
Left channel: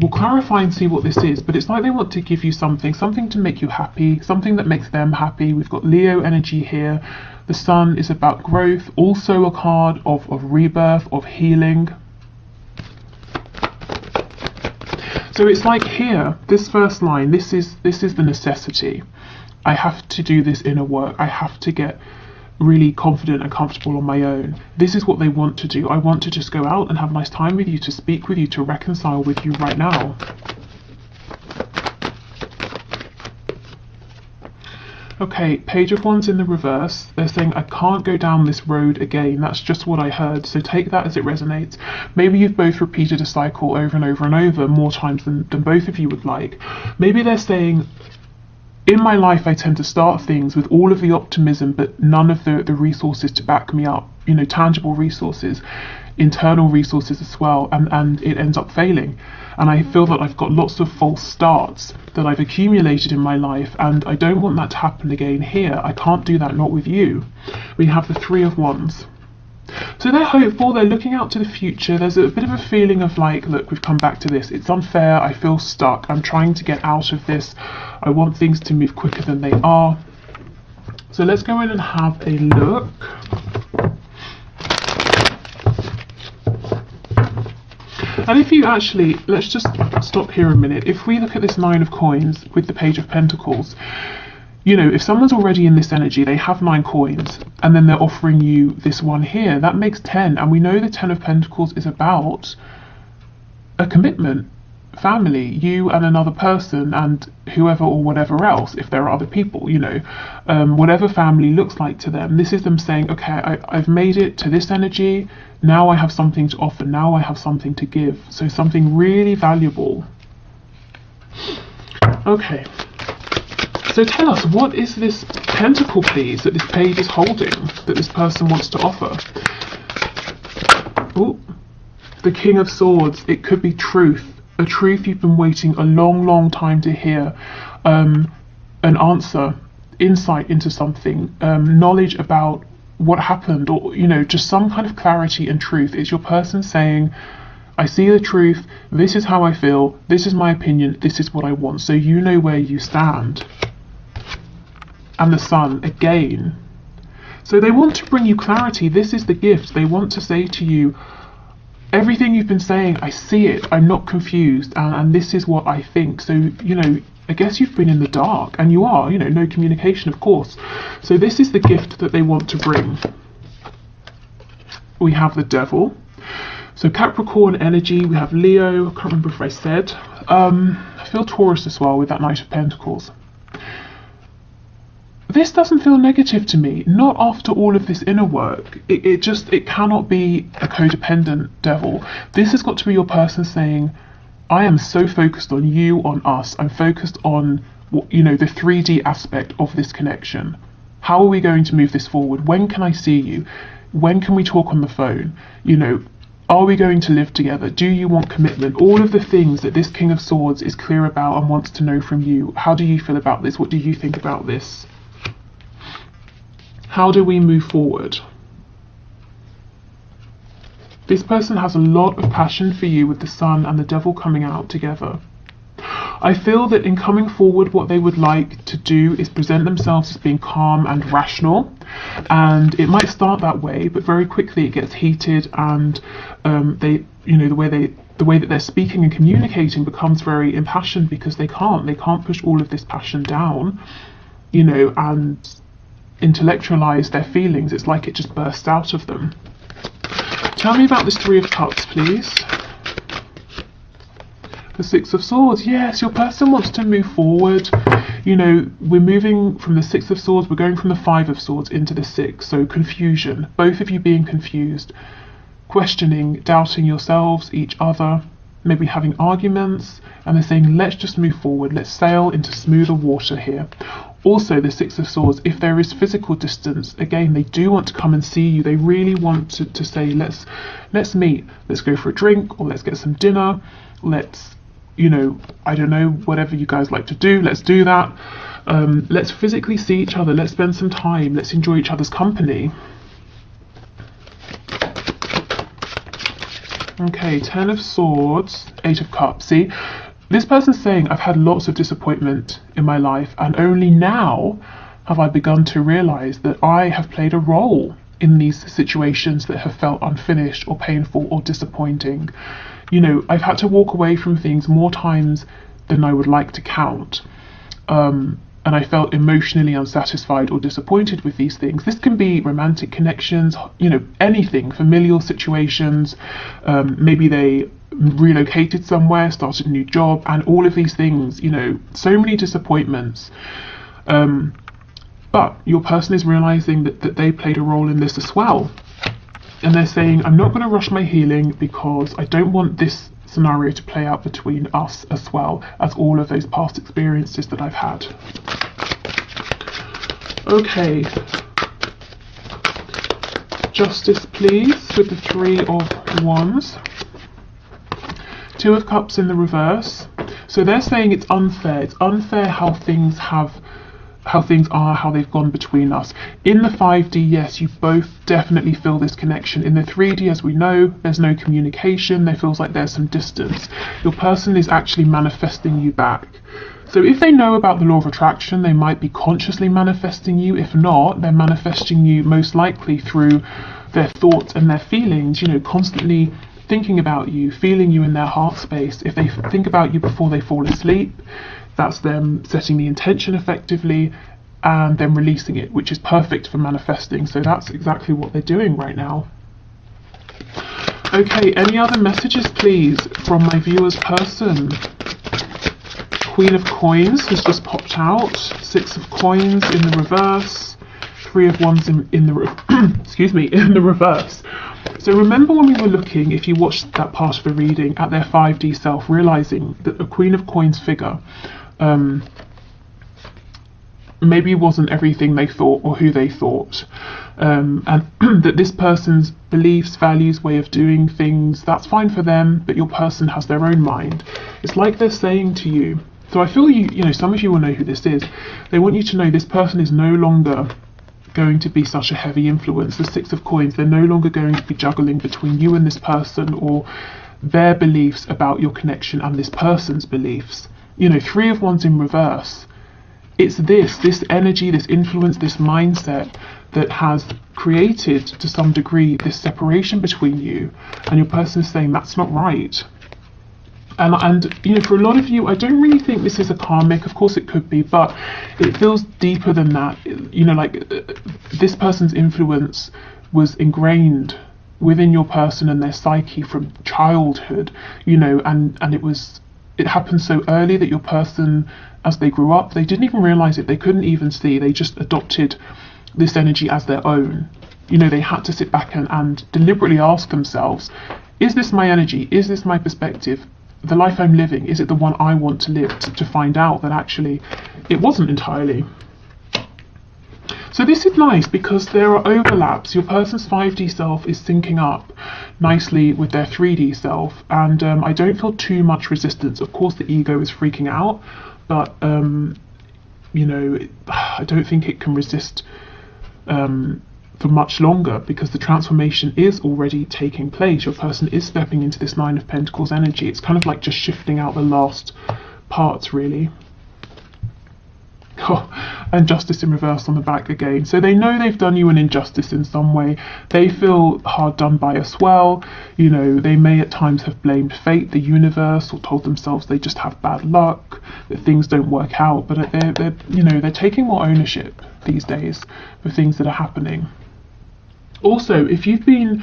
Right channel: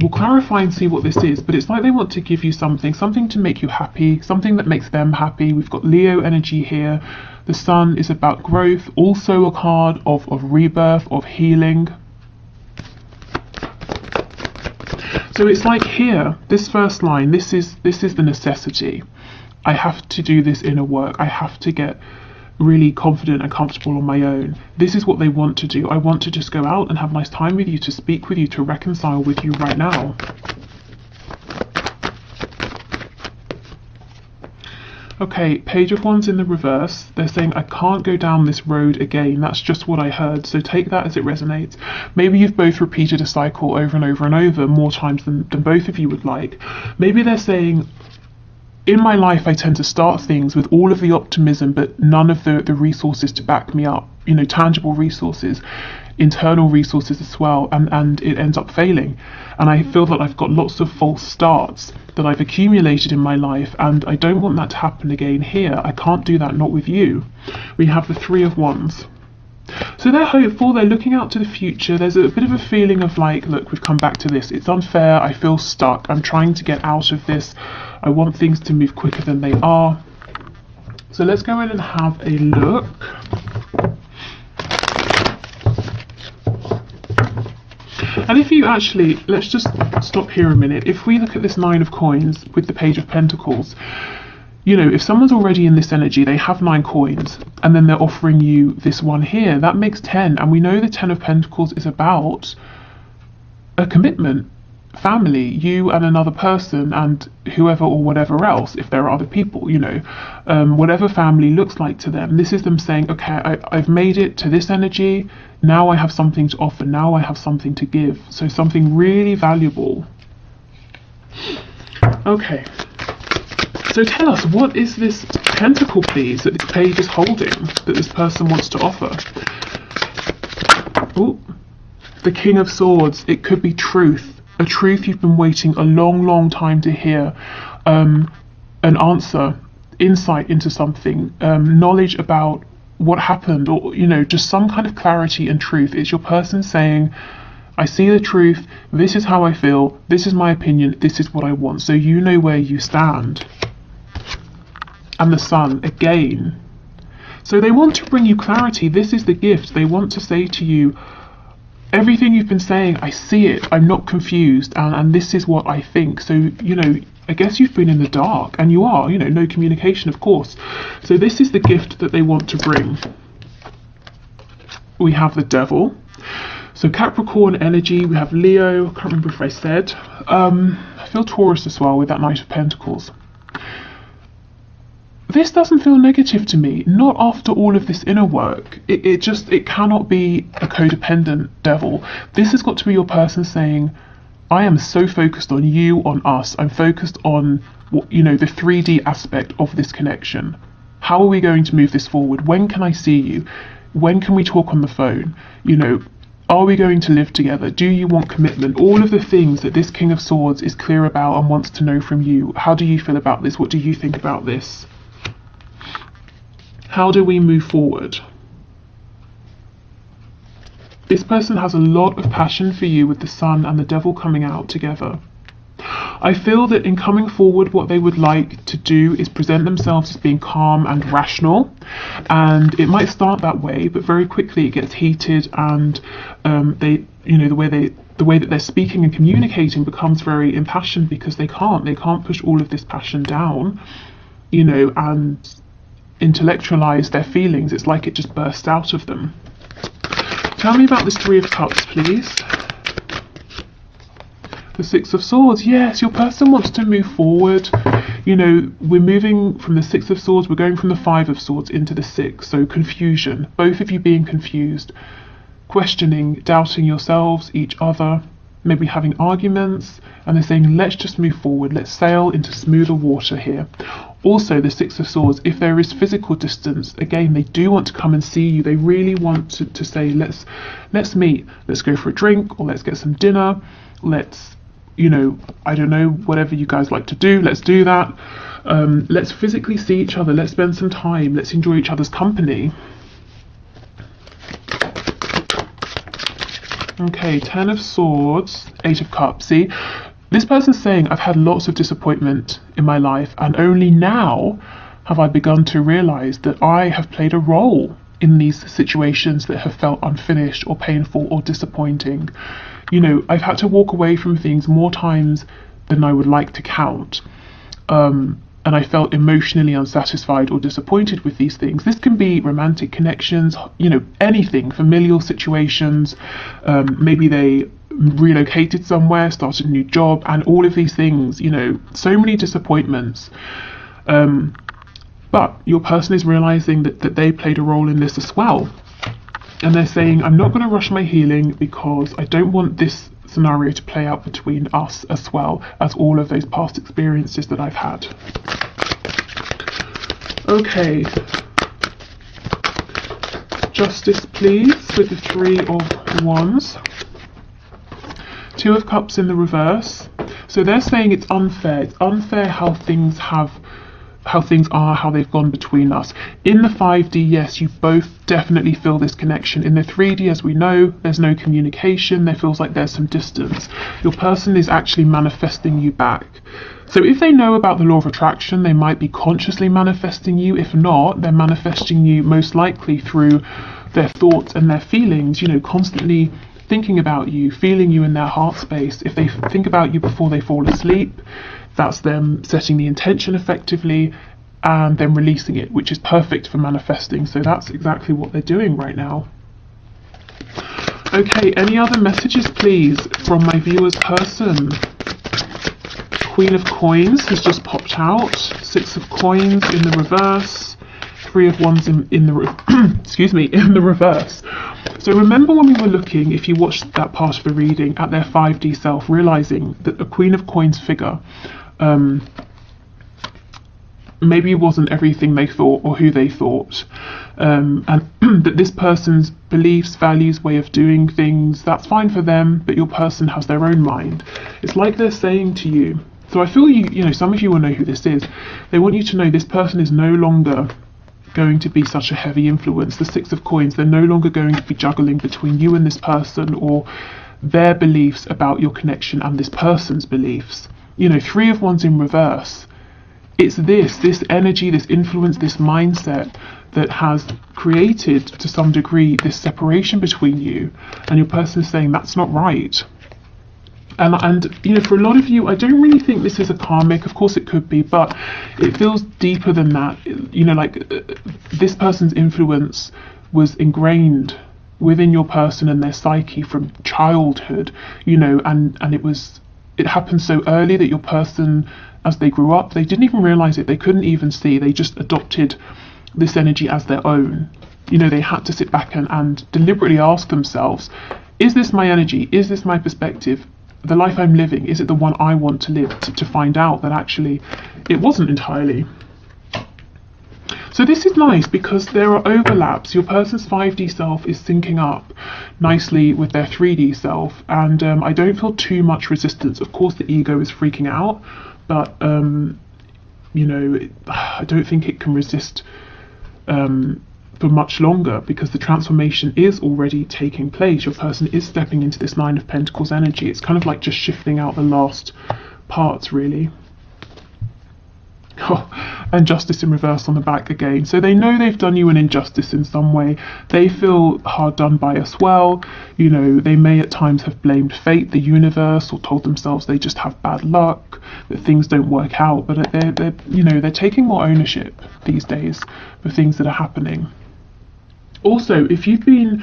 We'll clarify and see what this is, but it's like they want to give you something to make you happy, something that makes them happy. We've got Leo energy here. The Sun is about growth, also a card of rebirth, of healing. So it's like here, this first line, this is the necessity. I have to do this inner work. I have to get really confident and comfortable on my own. This is what they want to do. I want to just go out and have a nice time with you, to speak with you, to reconcile with you right now. Okay, Page of Wands in the reverse. They're saying, I can't go down this road again. That's just what I heard. So take that as it resonates. Maybe you've both repeated a cycle over and over and over, more times than both of you would like. Maybe they're saying, in my life, I tend to start things with all of the optimism, but none of the resources to back me up, you know, tangible resources, internal resources as well, and it ends up failing. And I feel that I've got lots of false starts that I've accumulated in my life, and I don't want that to happen again here. I can't do that, not with you. We have the Three of Wands. So they're hopeful, they're looking out to the future. There's a bit of a feeling of like, look, we've come back to this. It's unfair, I feel stuck, I'm trying to get out of this. I want things to move quicker than they are. So let's go in and have a look. And if you actually, let's just stop here a minute. If we look at this Nine of Coins with the Page of Pentacles, you know, if someone's already in this energy, they have 9 coins, and then they're offering you this one here, that makes 10. And we know the 10 of Pentacles is about a commitment, family, you and another person, and whoever or whatever else, if there are other people, you know, whatever family looks like to them. This is them saying, okay, I've made it to this energy, now I have something to offer, now I have something to give. So something really valuable. Okay. So tell us, what is this pentacle, please, that this page is holding, that this person wants to offer? The King of Swords, it could be truth, a truth you've been waiting a long, long time to hear, an answer, insight into something, knowledge about what happened, or, you know, just some kind of clarity and truth. It's your person saying, I see the truth, this is how I feel, this is my opinion, this is what I want. So you know where you stand. And the Sun, again. So they want to bring you clarity. This is the gift. They want to say to you, everything you've been saying, I see it, I'm not confused, and this is what I think. So, you know, I guess you've been in the dark, and you are, you know, no communication, of course. So this is the gift that they want to bring. We have the Devil. So Capricorn energy, we have Leo, I can't remember if I said. I feel Taurus as well with that Knight of Pentacles. This doesn't feel negative to me, not after all of this inner work. It cannot be a codependent devil. This has got to be your person saying, I am so focused on you, on us. I'm focused on, you know, the 3D aspect of this connection. How are we going to move this forward? When can I see you? When can we talk on the phone? You know, are we going to live together? Do you want commitment? All of the things that this King of Swords is clear about and wants to know from you. How do you feel about this? What do you think about this? How do we move forward? This person has a lot of passion for you with the Sun and the Devil coming out together. I feel that in coming forward, what they would like to do is present themselves as being calm and rational, and it might start that way, but very quickly it gets heated, and they, you know, the way that they're speaking and communicating becomes very impassioned because they can't push all of this passion down, you know, and intellectualize their feelings. It's like it just bursts out of them. Tell me about this Three of Cups, please. The Six of Swords. Yes, your person wants to move forward. You know, we're moving from the Six of Swords, we're going from the Five of Swords into the Six. So confusion, both of you being confused, questioning, doubting yourselves, each other, maybe having arguments, and they're saying, let's just move forward, let's sail into smoother water here. Also, the Six of Swords, if there is physical distance, again, they do want to come and see you. They really want to say, let's meet, let's go for a drink, or let's get some dinner, let's, you know, I don't know, whatever you guys like to do, let's do that. Let's physically see each other, let's spend some time, let's enjoy each other's company. Okay, Ten of Swords, Eight of Cups. See, this person's saying, I've had lots of disappointment in my life, and only now have I begun to realize that I have played a role in these situations that have felt unfinished or painful or disappointing. You know, I've had to walk away from things more times than I would like to count. And I felt emotionally unsatisfied or disappointed with these things. This can be romantic connections, you know, anything, familial situations. Maybe they relocated somewhere, started a new job, and all of these things, you know, so many disappointments. But your person is realizing that they played a role in this as well. And they're saying, I'm not going to rush my healing because I don't want this scenario to play out between us as well as all of those past experiences that I've had. Okay. Justice, please, with the Three of Wands. Two of Cups in the reverse. So they're saying it's unfair. It's unfair how things are, how they've gone between us. In the 5D, yes, you both definitely feel this connection. In the 3D, as we know, there's no communication. There feels like there's some distance. Your person is actually manifesting you back. So if they know about the law of attraction, they might be consciously manifesting you. If not, they're manifesting you most likely through their thoughts and their feelings, you know, constantly thinking about you, feeling you in their heart space. If they think about you before they fall asleep, that's them setting the intention effectively and then releasing it, which is perfect for manifesting. So that's exactly what they're doing right now. Okay, any other messages, please, from my viewer's person? Queen of Coins has just popped out. Six of Coins in the reverse. Three of Wands in the excuse me, in the reverse. So remember when we were looking, if you watched that part of the reading, at their 5D self, realizing that a Queen of Coins figure maybe it wasn't everything they thought or who they thought, and that this person's beliefs, values, way of doing things, that's fine for them, but your person has their own mind. It's like they're saying to you, so I feel you know, some of you will know who this is. They want you to know this person is no longer going to be such a heavy influence. The Six of Coins, they're no longer going to be juggling between you and this person, or their beliefs about your connection and this person's beliefs. You know, Three of Wands in reverse. It's this energy, this influence, this mindset that has created, to some degree, this separation between you, and your person is saying that's not right. And you know, for a lot of you, I don't really think this is a karmic. Of course it could be, but it feels deeper than that. You know, like this person's influence was ingrained within your person and their psyche from childhood, you know, and it happened so early that your person, as they grew up, they didn't even realize it. They couldn't even see. They just adopted this energy as their own. You know, they had to sit back and deliberately ask themselves, is this my energy? Is this my perspective? The life I'm living, is it the one I want to live? To find out that actually it wasn't entirely. So this is nice because there are overlaps. Your person's 5D self is syncing up nicely with their 3D self, and I don't feel too much resistance. Of course the ego is freaking out, but you know, I don't think it can resist for much longer, because the transformation is already taking place. Your person is stepping into this Nine of Pentacles energy. It's kind of like just shifting out the last parts, really. Oh, and Justice in reverse on the back again. So they know they've done you an injustice in some way. They feel hard done by as well. You know, they may at times have blamed fate, the universe, or told themselves they just have bad luck, that things don't work out. But they're taking more ownership these days for things that are happening. Also, if you've been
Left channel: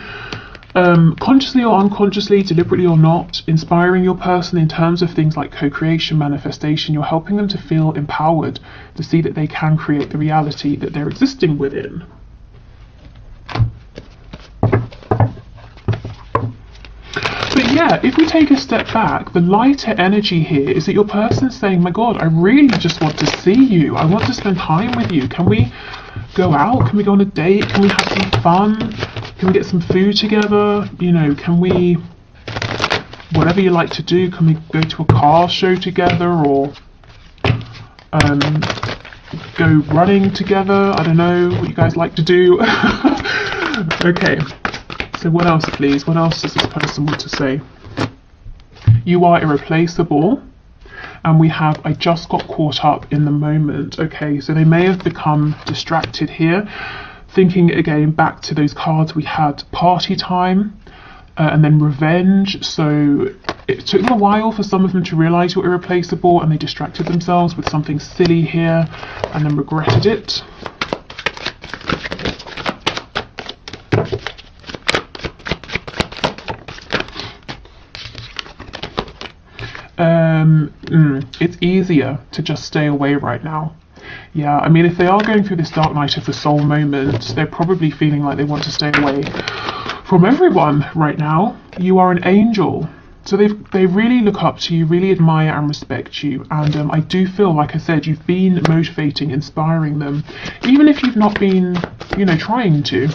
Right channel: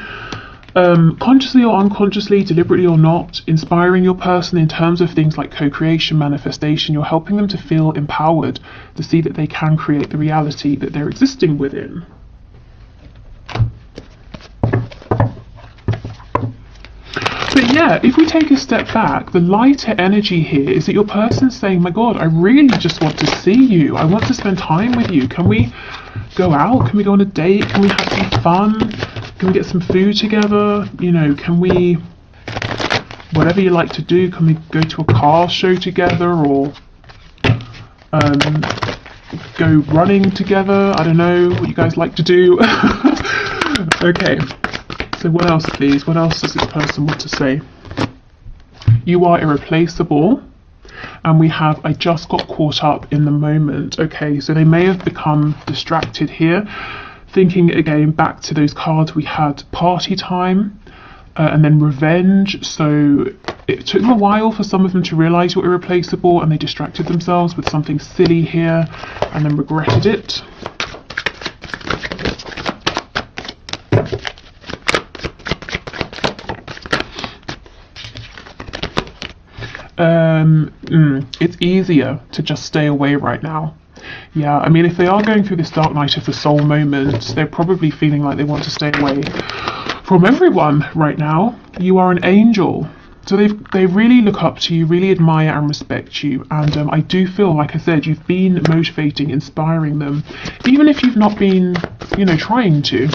consciously or unconsciously, deliberately or not, inspiring your person in terms of things like co-creation, manifestation, you're helping them to feel empowered, to see that they can create the reality that they're existing within. But yeah, if we take a step back, the lighter energy here is that your person's saying, my God, I really just want to see you. I want to spend time with you. Can we go out? Can we go on a date? Can we have some fun? Can we get some food together? You know, can we, whatever you like to do, can we go to a car show together, or go running together? I don't know what you guys like to do. Okay, so what else, please? What else does this person want to say? You are irreplaceable. And we have, I just got caught up in the moment. Okay, so they may have become distracted here. Thinking again back to those cards we had, party time and then revenge. So it took them a while for some of them to realize you're irreplaceable, and they distracted themselves with something silly here and then regretted it. It's easier to just stay away right now. Yeah, I mean, if they are going through this dark night of the soul moment, they're probably feeling like they want to stay away from everyone right now. You are an angel. So they really look up to you, really admire and respect you. And I do feel, like I said, you've been motivating, inspiring them, even if you've not been, you know, trying to.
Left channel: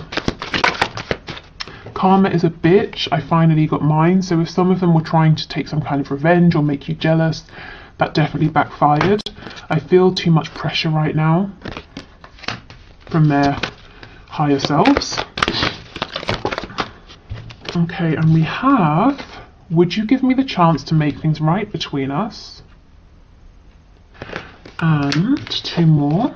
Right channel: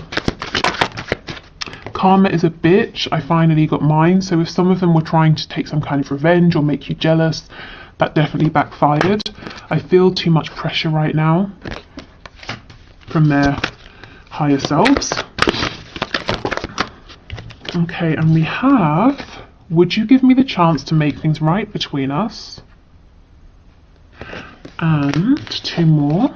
Karma is a bitch. I finally got mine. So if some of them were trying to take some kind of revenge or make you jealous, that definitely backfired. I feel too much pressure right now from their higher selves. Okay, and we have, would you give me the chance to make things right between us? And two more.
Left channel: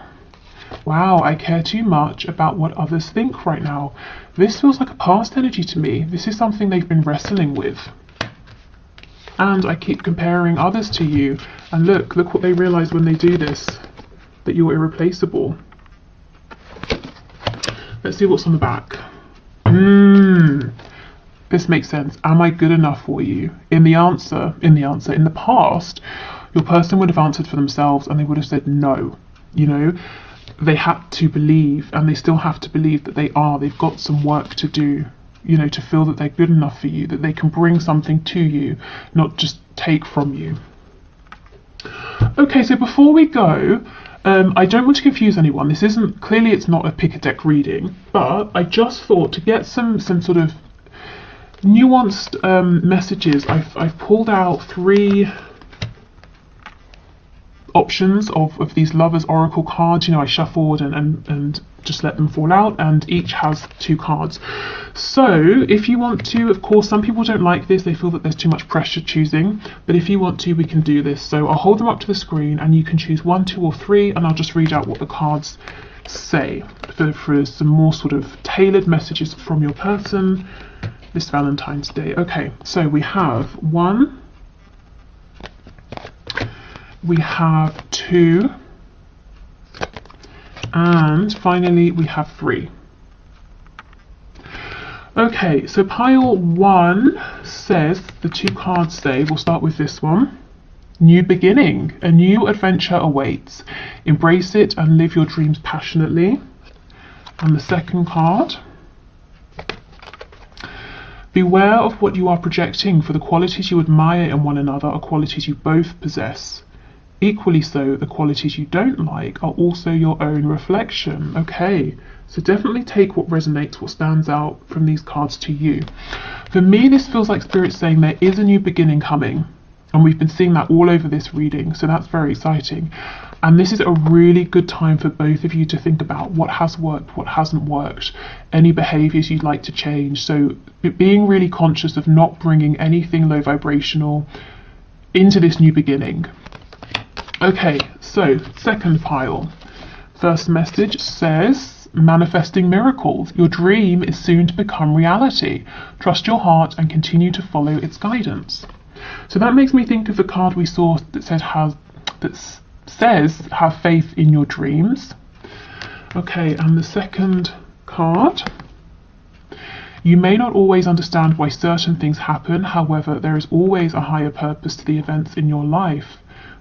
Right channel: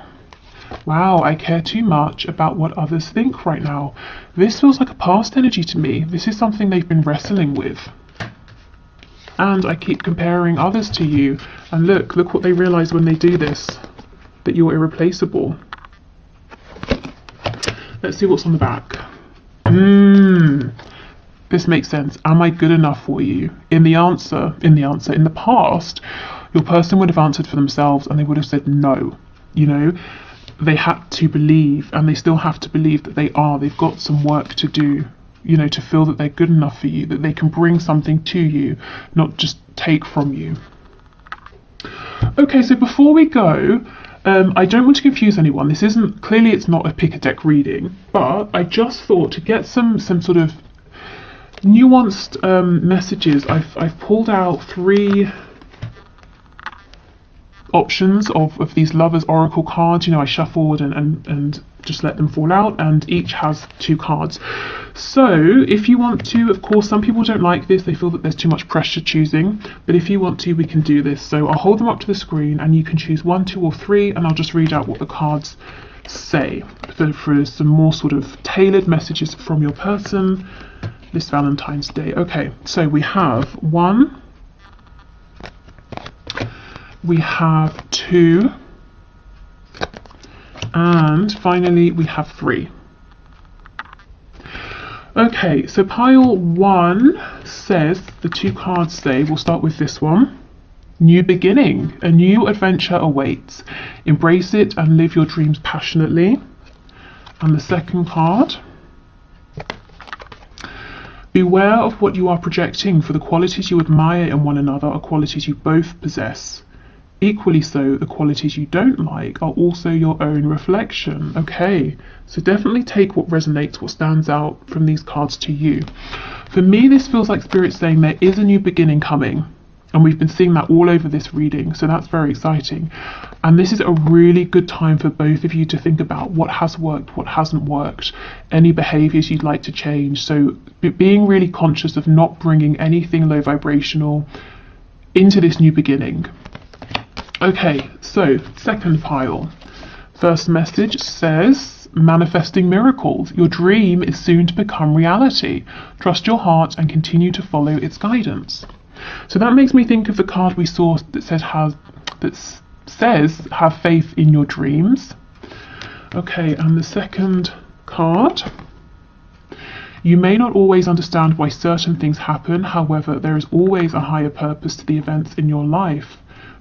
Wow, I care too much about what others think right now. This feels like a past energy to me. This is something they've been wrestling with. And I keep comparing others to you. And look what they realize when they do this. That you're irreplaceable. Let's see what's on the back. This makes sense. Am I good enough for you? In the past, your person would have answered for themselves and they would have said no. You know, they had to believe, and they still have to believe that they are. They've got some work to do, you know, to feel that they're good enough for you, that they can bring something to you, not just take from you. Okay, so before we go, I don't want to confuse anyone. This isn't, clearly it's not a pick a deck reading, but I just thought to get some sort of nuanced messages, I've pulled out 3 options of these lovers oracle cards. You know, I shuffled and just let them fall out, and each has 2 cards. So if you want to, of course, some people don't like this, they feel that there's too much pressure choosing, but if you want to, we can do this. So I'll hold them up to the screen and you can choose 1, 2 or 3, and I'll just read out what the cards say for some more sort of tailored messages from your person this Valentine's Day. Okay, so we have 1, we have 2, and finally we have 3. Okay, so pile 1 says, the 2 cards say, we'll start with this one. New beginning, a new adventure awaits. Embrace it and live your dreams passionately. And the second card, beware of what you are projecting, for the qualities you admire in one another are qualities you both possess. Equally so, the qualities you don't like are also your own reflection. Okay, so definitely take what resonates, what stands out from these cards to you. For me, this feels like Spirit saying there is a new beginning coming, and we've been seeing that all over this reading, so that's very exciting. And this is a really good time for both of you to think about what has worked, what hasn't worked, any behaviors you'd like to change. So being really conscious of not bringing anything low vibrational into this new beginning. Okay, so second pile. First message says, manifesting miracles. Your dream is soon to become reality. Trust your heart and continue to follow its guidance. So that makes me think of the card we saw that says have faith in your dreams. Okay, and the second card. You may not always understand why certain things happen, however, there is always a higher purpose to the events in your life.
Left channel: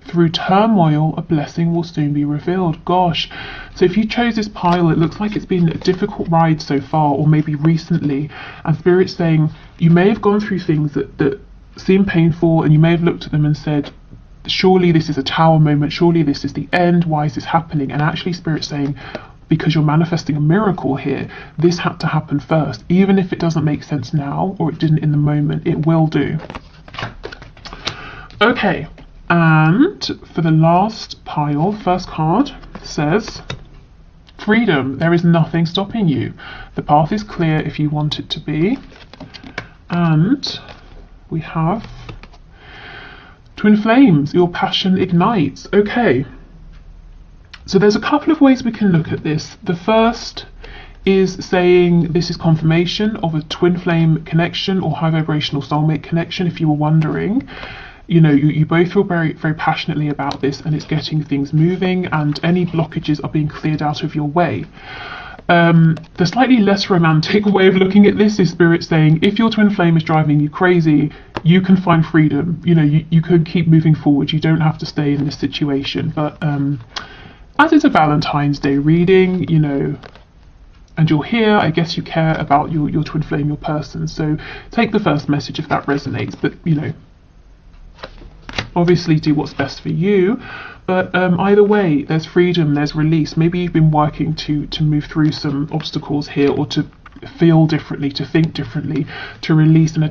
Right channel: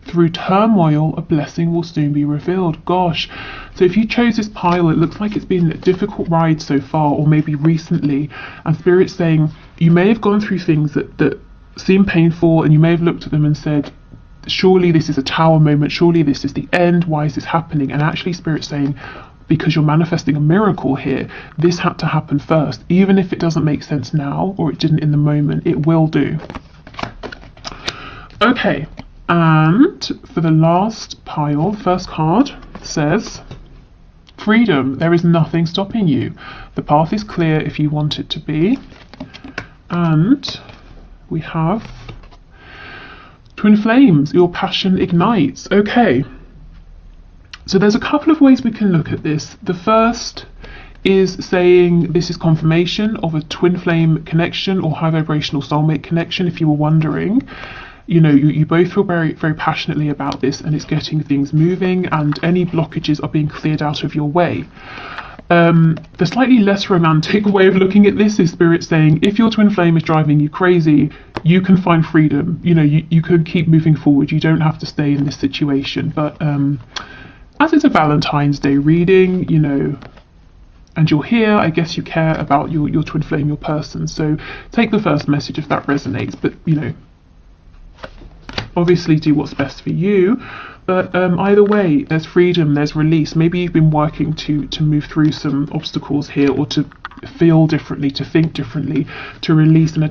Through turmoil, a blessing will soon be revealed. Gosh, so if you chose this pile, it looks like it's been a difficult ride so far, or maybe recently, and Spirit's saying you may have gone through things that seem painful, and you may have looked at them and said, surely this is a tower moment, surely this is the end, why is this happening? And actually Spirit's saying, because you're manifesting a miracle here, this had to happen first. Even if it doesn't make sense now, or it didn't in the moment, it will do. Okay, and for the last pile, first card says, freedom. There is nothing stopping you. The path is clear if you want it to be. And we have twin flames, your passion ignites. Okay, so there's a couple of ways we can look at this. The first is saying this is confirmation of a twin flame connection or high vibrational soulmate connection. If you were wondering, you know, you both feel very, very passionately about this, and it's getting things moving, and any blockages are being cleared out of your way. The slightly less romantic way of looking at this is Spirit saying, if your twin flame is driving you crazy, you can find freedom. You know, you can keep moving forward. You don't have to stay in this situation. But as it's a Valentine's Day reading, you know, and you're here, I guess you care about your twin flame, your person. So take the first message if that resonates. But, you know, obviously do what's best for you. But either way, there's freedom, there's release. Maybe you've been working to move through some obstacles here, or to feel differently, to think differently, to release and